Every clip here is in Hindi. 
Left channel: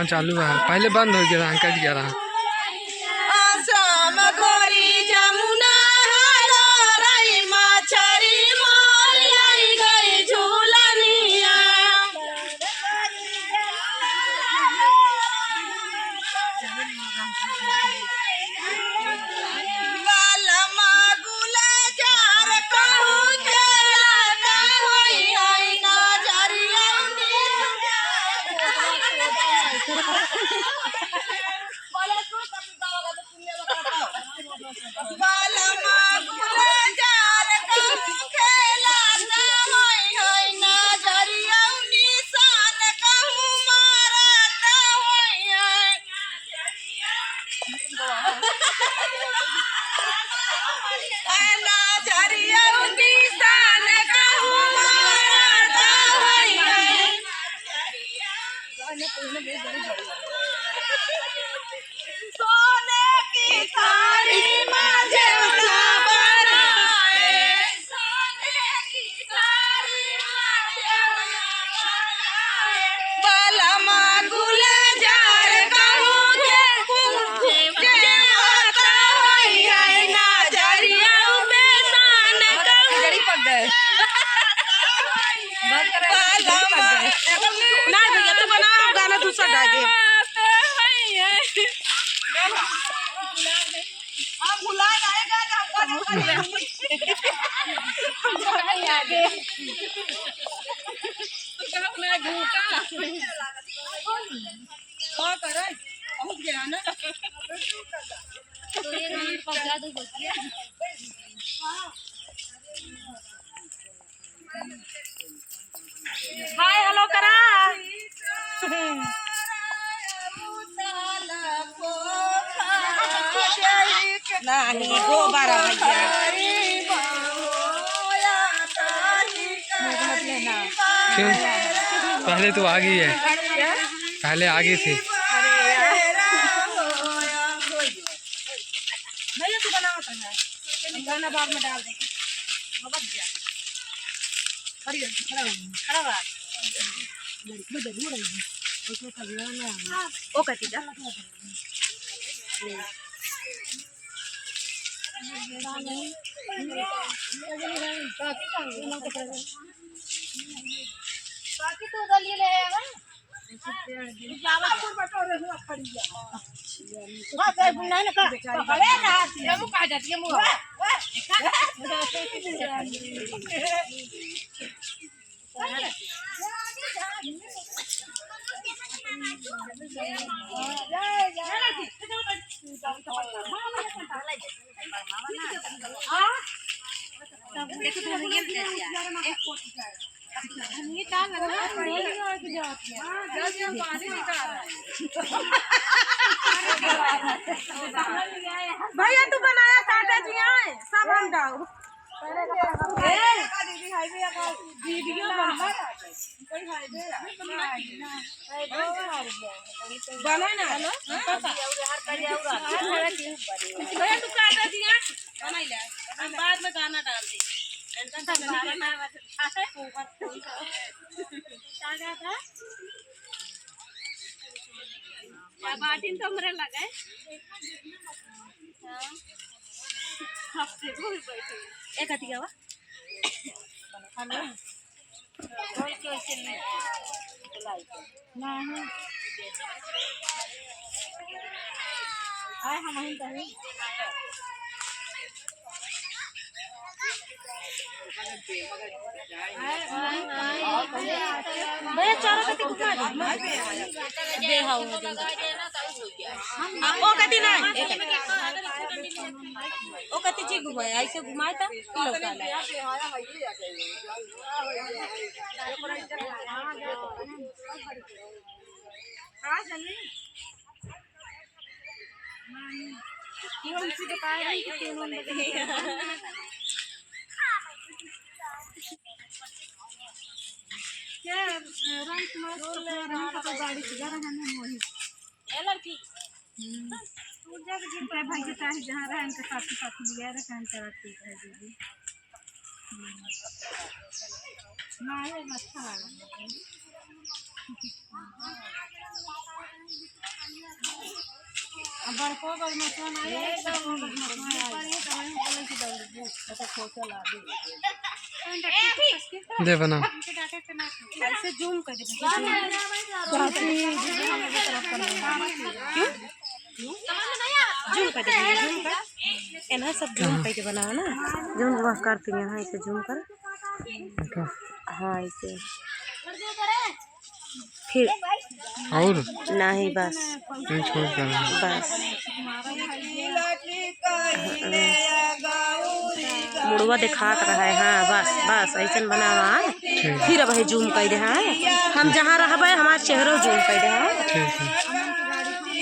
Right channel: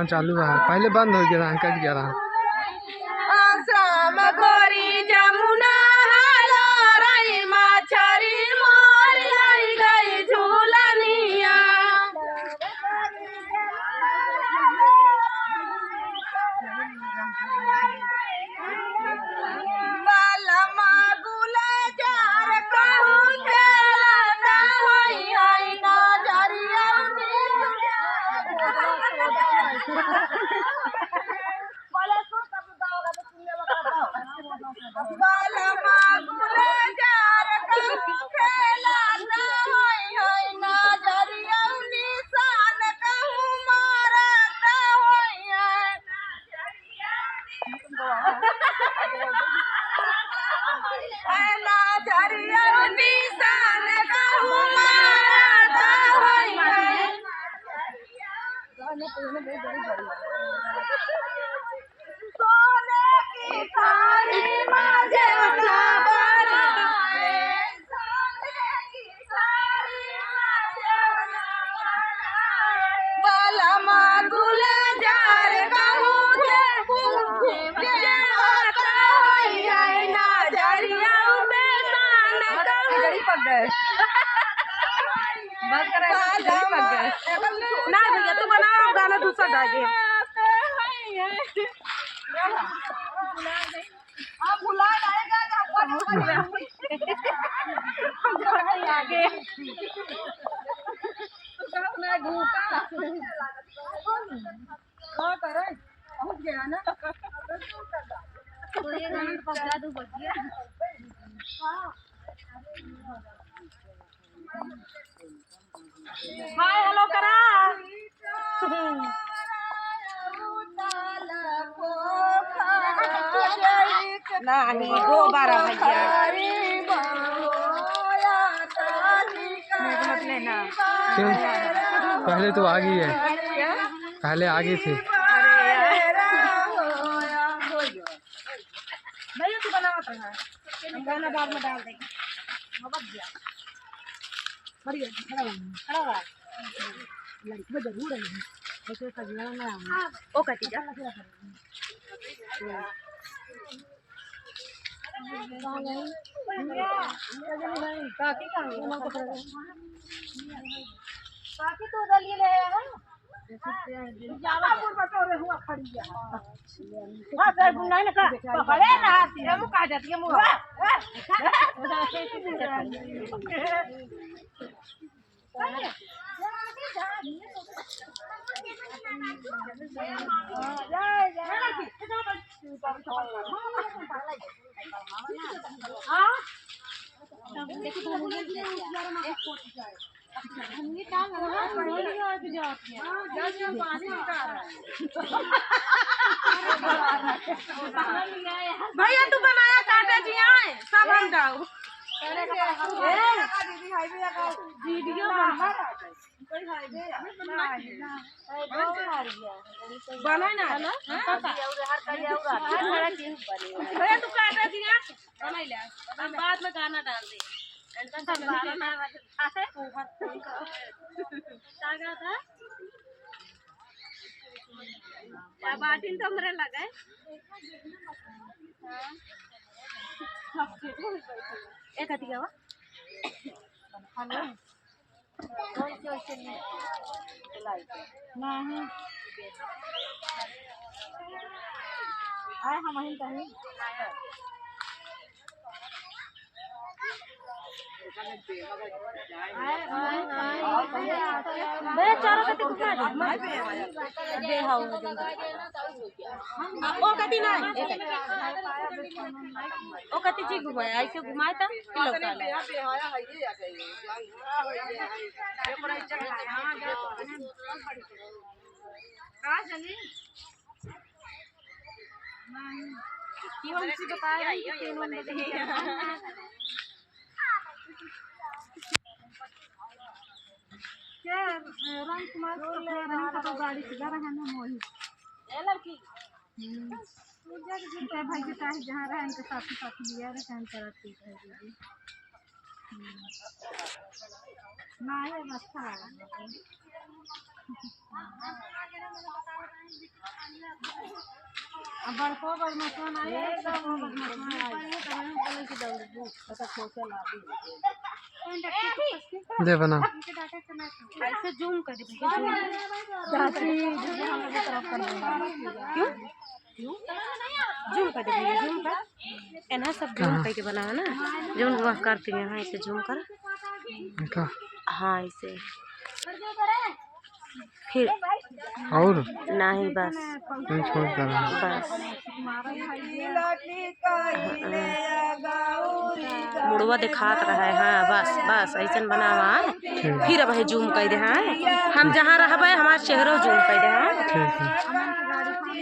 हाँ चालू है, पहले बंद हो गया था, कट गया रहा। सोने की थाली में जेवना बनाए, सोने की थाली में जेवना बनाए, बालमा गुलजार कहूँ जेवता होई है नजरिया में सान कहूँ बालमा ना भैया तो बनाओ गाना दूसरा गा दे। आप बुला लाएगा ना आगे ना घूटा क्या करे पहुंच गया ना तो ये मिनट पहुंचा दो बच्चे हाय हेलो करा नहीं दो बार क्यों? पहले तो आ गई है, पहले आगे थी। भैया तू बनावत है गाना बाद में डाल देंगे खड़ा लड़की जरूर है ओ कहती जा बाकी तो दलिए ले आया जावापुर बटोरे हुआ खड़िया हां गए नहीं ना का बड़े ना ये मुंह कहा जाती है मुंह भैया तू बनाया काटा जी आए सब हम डाल वीडियो बना ना भैया तू काटा जी बना ले बाद में गाना डाल दे बाटिन तो हमरे लगा एक हती क्या हम भैया चारों कति घुमा दे हाउ ओ कति ना ओ कति जी घुमाए ऐसे घुमाए त किलो का हां जल्दी ये वाली चीज बताया नहीं कि तीनों में के राम कुमार को गाड़ी से जरा हमें मोही ए लड़की पूजा के दिन पे भाई के साथ जहां रहे इनके साथी साथी लिया रे काम करती है दीदी ना ये अच्छा लगा अब बड़को बदमाशन आए एकदम बदमाशन आए की दौड़ ऐसा खोचा ला दे बना ऐसे जूम कर दे जूम कर दे जूम कर एना सब जूम करके बनाओ ना जूम करती है हाँ इसे जूम कर हाँ इसे फिर और नहीं बस नहीं छोड़ कर बस मुड़वा दिखात रहा है हाँ बस बस ऐसा बना हुआ है फिर अब जूम कर दे हाँ हम जहाँ रहबे हमारे चेहरों जूम कर दे हाँ ठीक है।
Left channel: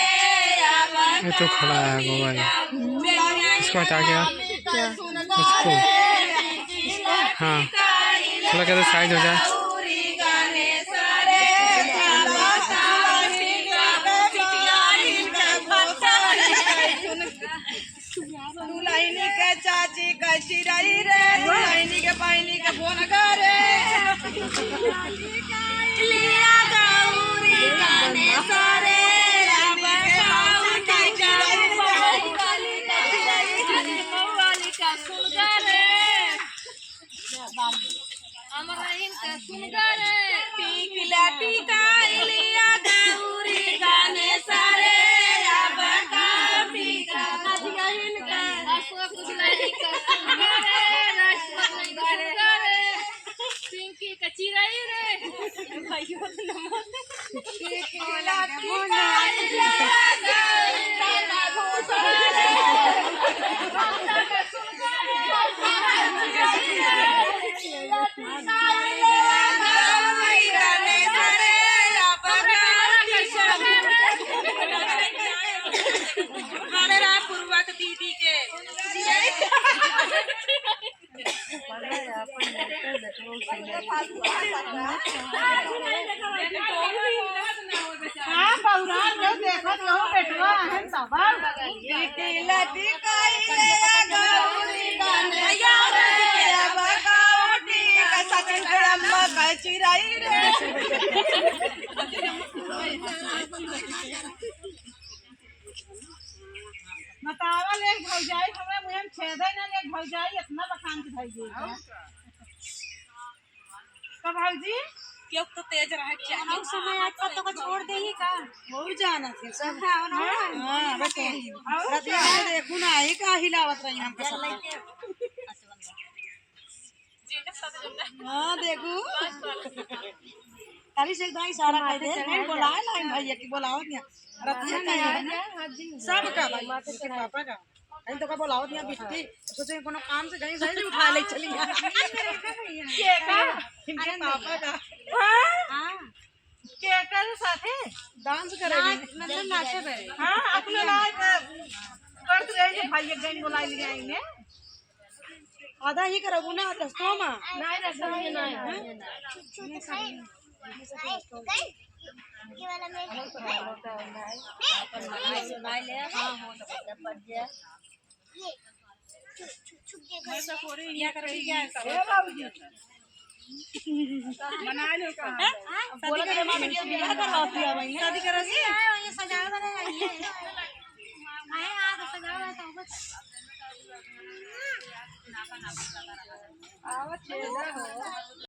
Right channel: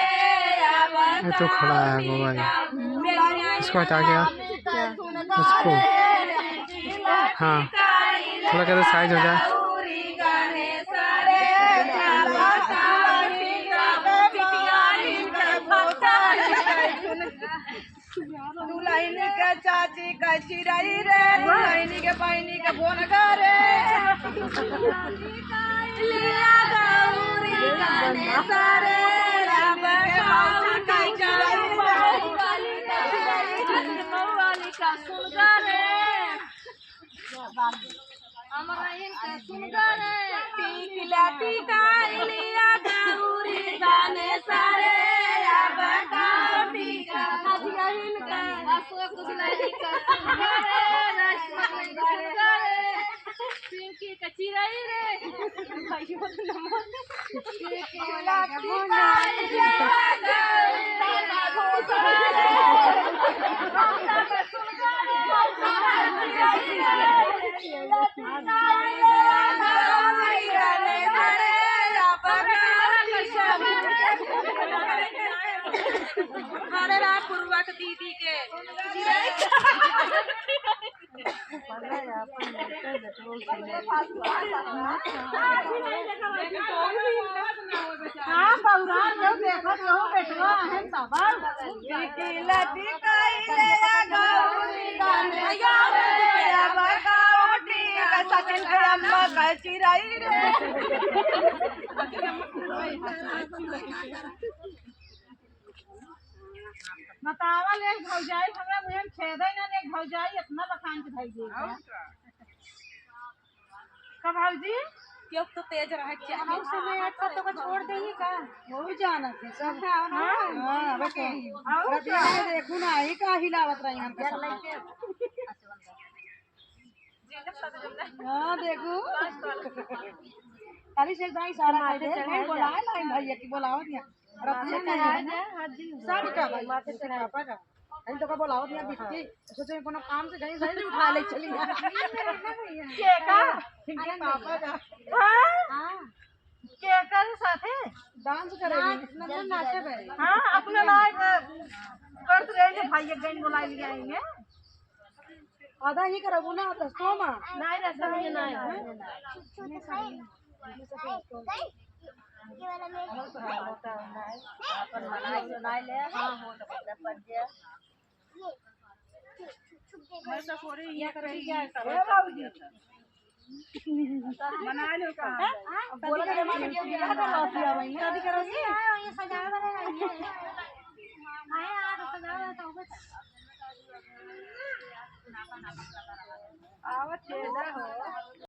ये तो खड़ा है मोबाइल इसको हटा गया उसको हाँ थोड़ा क्या तो साइज हो जाए दुल्हनी के चाची का चिराई रे दुल्हनी के पानी के बोन करे लिया गौरी गाने सारे चिराई रे भाइयों पूर्वक दीदी के हाँ बहुरा लोग देखो तो बेटवा है तब लटी काई गौरी गाने यार अब काउटी का सचन खड़म्मा का चिराई रे बतावा ले भौजाई हमरा मुहम छेदै न ले भौजाई इतना बखान के भई का भौजी क्यों तो तेज रहे क्या हम समय आज तक तो को छोड़ दे ही का हो जाना थे सब हां बस रतिया में देखू ना ही का हिलावत रही हमके सब हां देखू खाली से एकदम इशारा कर दे नहीं बोलाए लाइन भैया की बोलाओ दिया रतिया का सब का भाई के पापा का कहीं तो का बोलाओ दिया बिट्टी सोचे कोनो काम से कहीं सही उठा ले चली के का इनके पापा का हां के का साथे डांस करेगी मतलब नाचे बे हां अपने लायक कर रहे भैया गई बोला लिए आएंगे आधा ही करबू ना रस्तों में नहीं रस्तों में नहीं ये वाला में सुनाई ले हां हो सकता पड़ जाए ये छुप के घर से थोड़ी या कर भी क्या करो ए बाबूजी बना लो कहां बोला के मां बेटी बियाह करवा दिया भाई शादी करोगी ये सजा बनेगा ये मैं आ तो सजा तो आवत छेदा हो